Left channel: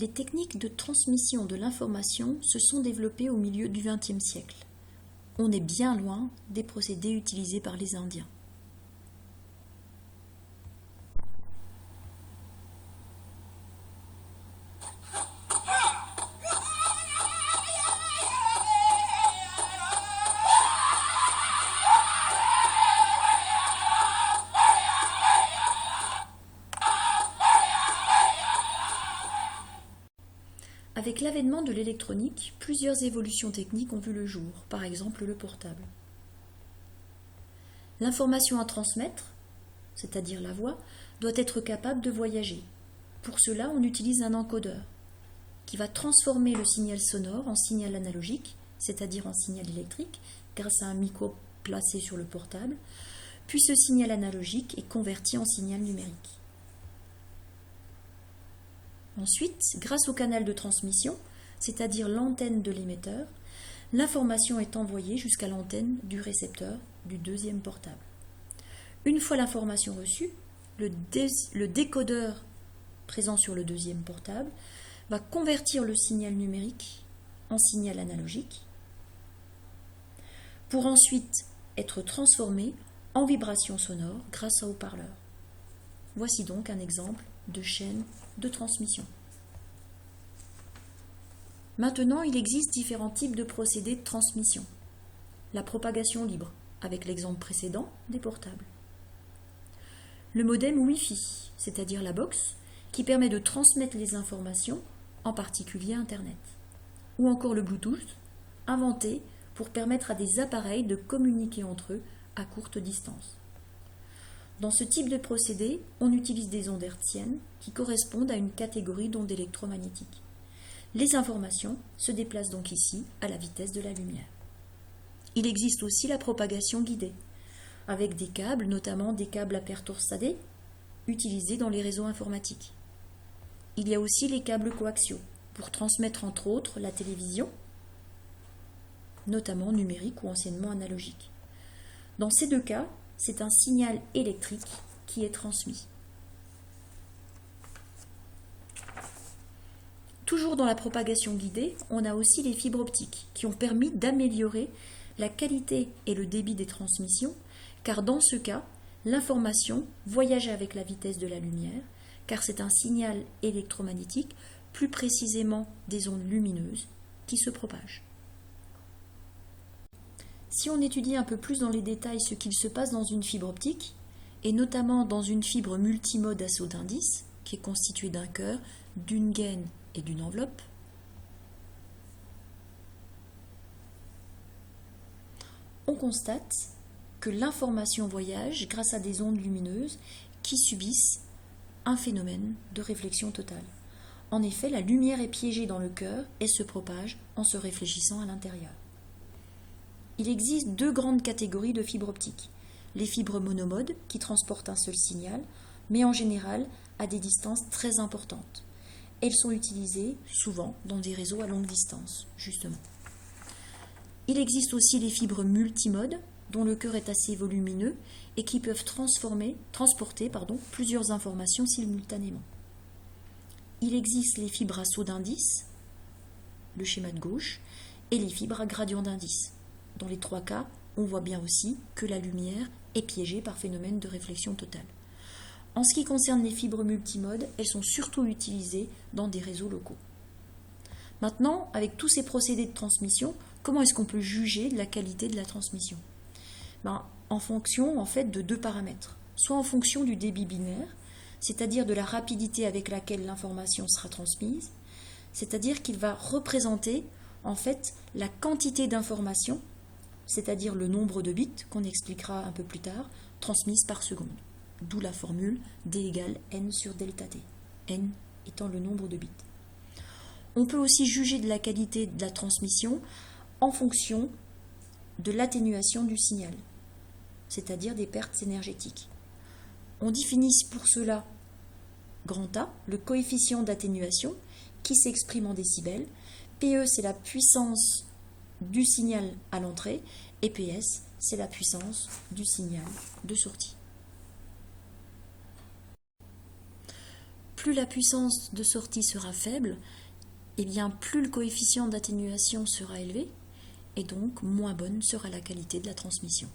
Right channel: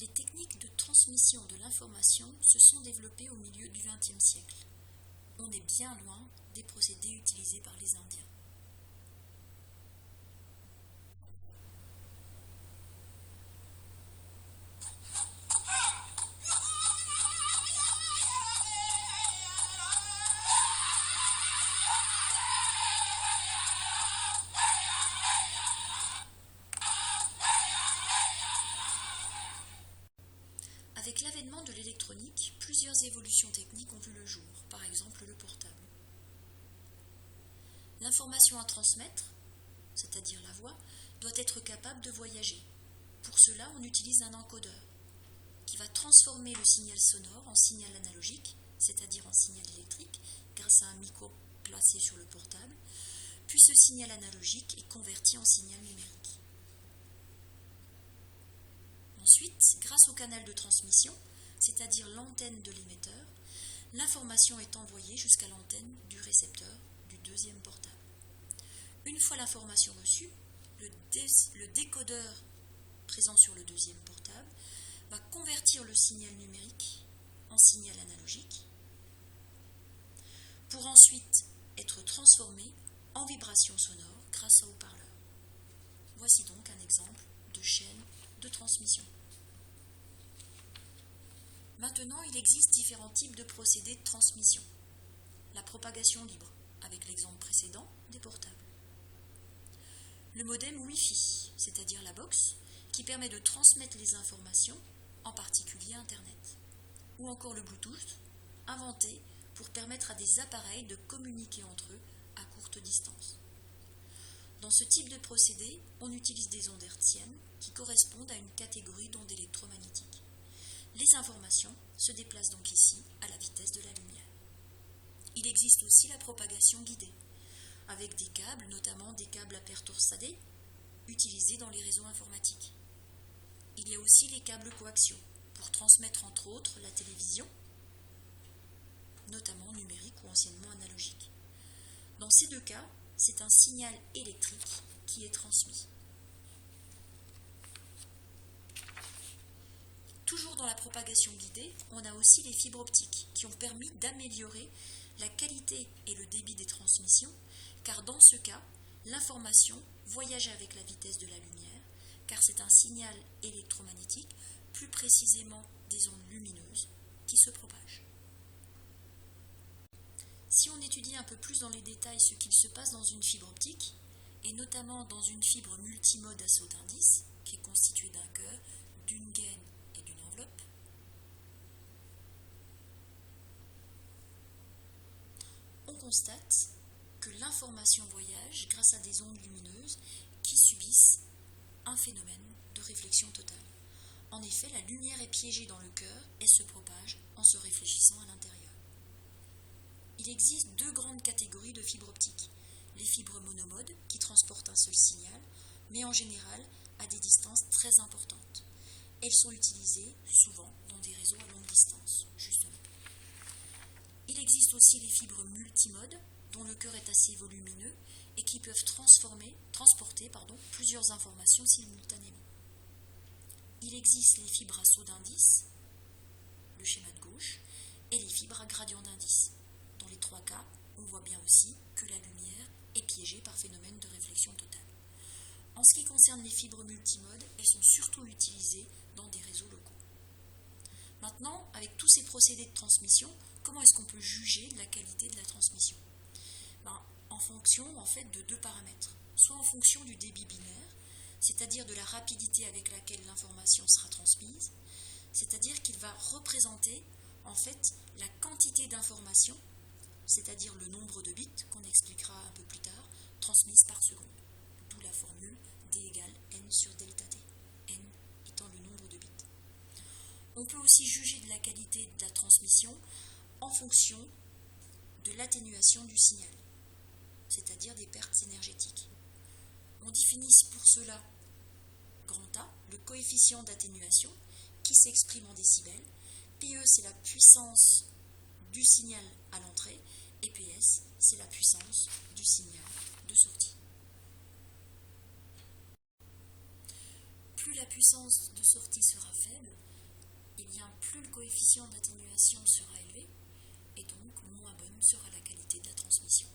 Les techniques de transmission de l'information se sont développées au milieu du XXe siècle. On est bien loin des procédés utilisés par les Indiens. Avec l'avènement de l'électronique, plusieurs évolutions techniques ont vu le jour, par exemple le portable. L'information à transmettre, c'est-à-dire la voix, doit être capable de voyager. Pour cela, on utilise un encodeur qui va transformer le signal sonore en signal analogique, c'est-à-dire en signal électrique, grâce à un micro placé sur le portable, puis ce signal analogique est converti en signal numérique. Ensuite, grâce au canal de transmission, c'est-à-dire l'antenne de l'émetteur, l'information est envoyée jusqu'à l'antenne du récepteur du deuxième portable. Une fois l'information reçue, le décodeur présent sur le deuxième portable va convertir le signal numérique en signal analogique pour ensuite être transformé en vibration sonore grâce à haut-parleur. Voici donc un exemple de chaîne de transmission. Maintenant, il existe différents types de procédés de transmission. La propagation libre, avec l'exemple précédent des portables. Le modem Wi-Fi, c'est-à-dire la box, qui permet de transmettre les informations, en particulier Internet. Ou encore le Bluetooth, inventé pour permettre à des appareils de communiquer entre eux à courte distance. Dans ce type de procédé, on utilise des ondes hertziennes qui correspondent à une catégorie d'ondes électromagnétiques. Les informations se déplacent donc ici à la vitesse de la lumière. Il existe aussi la propagation guidée, avec des câbles, notamment des câbles à paire torsadés, utilisés dans les réseaux informatiques. Il y a aussi les câbles coaxiaux, pour transmettre entre autres la télévision, notamment numérique ou anciennement analogique. Dans ces deux cas, c'est un signal électrique qui est transmis. Toujours dans la propagation guidée, on a aussi les fibres optiques qui ont permis d'améliorer la qualité et le débit des transmissions, car dans ce cas, l'information voyage avec la vitesse de la lumière, car c'est un signal électromagnétique, plus précisément des ondes lumineuses, qui se propagent. Si on étudie un peu plus dans les détails ce qu'il se passe dans une fibre optique, et notamment dans une fibre multimode à saut d'indice, qui est constituée d'un cœur, d'une gaine et d'une enveloppe, on constate que l'information voyage grâce à des ondes lumineuses qui subissent un phénomène de réflexion totale. En effet, la lumière est piégée dans le cœur et se propage en se réfléchissant à l'intérieur. Il existe deux grandes catégories de fibres optiques. Les fibres monomodes qui transportent un seul signal, mais en général à des distances très importantes. Elles sont utilisées souvent dans des réseaux à longue distance, justement. Il existe aussi les fibres multimodes, dont le cœur est assez volumineux et qui peuvent transporter plusieurs informations simultanément. Il existe les fibres à saut d'indice, le schéma de gauche, et les fibres à gradient d'indice. Dans les trois cas, on voit bien aussi que la lumière est piégée par phénomène de réflexion totale. En ce qui concerne les fibres multimodes, elles sont surtout utilisées dans des réseaux locaux. Maintenant, avec tous ces procédés de transmission, comment est-ce qu'on peut juger de la qualité de la transmission ? En fonction de deux paramètres. Soit en fonction du débit binaire, c'est-à-dire de la rapidité avec laquelle l'information sera transmise, c'est-à-dire qu'il va représenter la quantité d'informations, c'est-à-dire le nombre de bits, qu'on expliquera un peu plus tard, transmises par seconde. D'où la formule D égale N sur delta T, N étant le nombre de bits. On peut aussi juger de la qualité de la transmission en fonction de l'atténuation du signal, c'est-à-dire des pertes énergétiques. On définit pour cela grand A, le coefficient d'atténuation, qui s'exprime en décibels. PE, c'est la puissance du signal à l'entrée, et PS, c'est la puissance du signal de sortie. plus la puissance de sortie sera faible, et bien plus le coefficient d'atténuation sera élevé, et donc moins bonne sera la qualité de la transmission.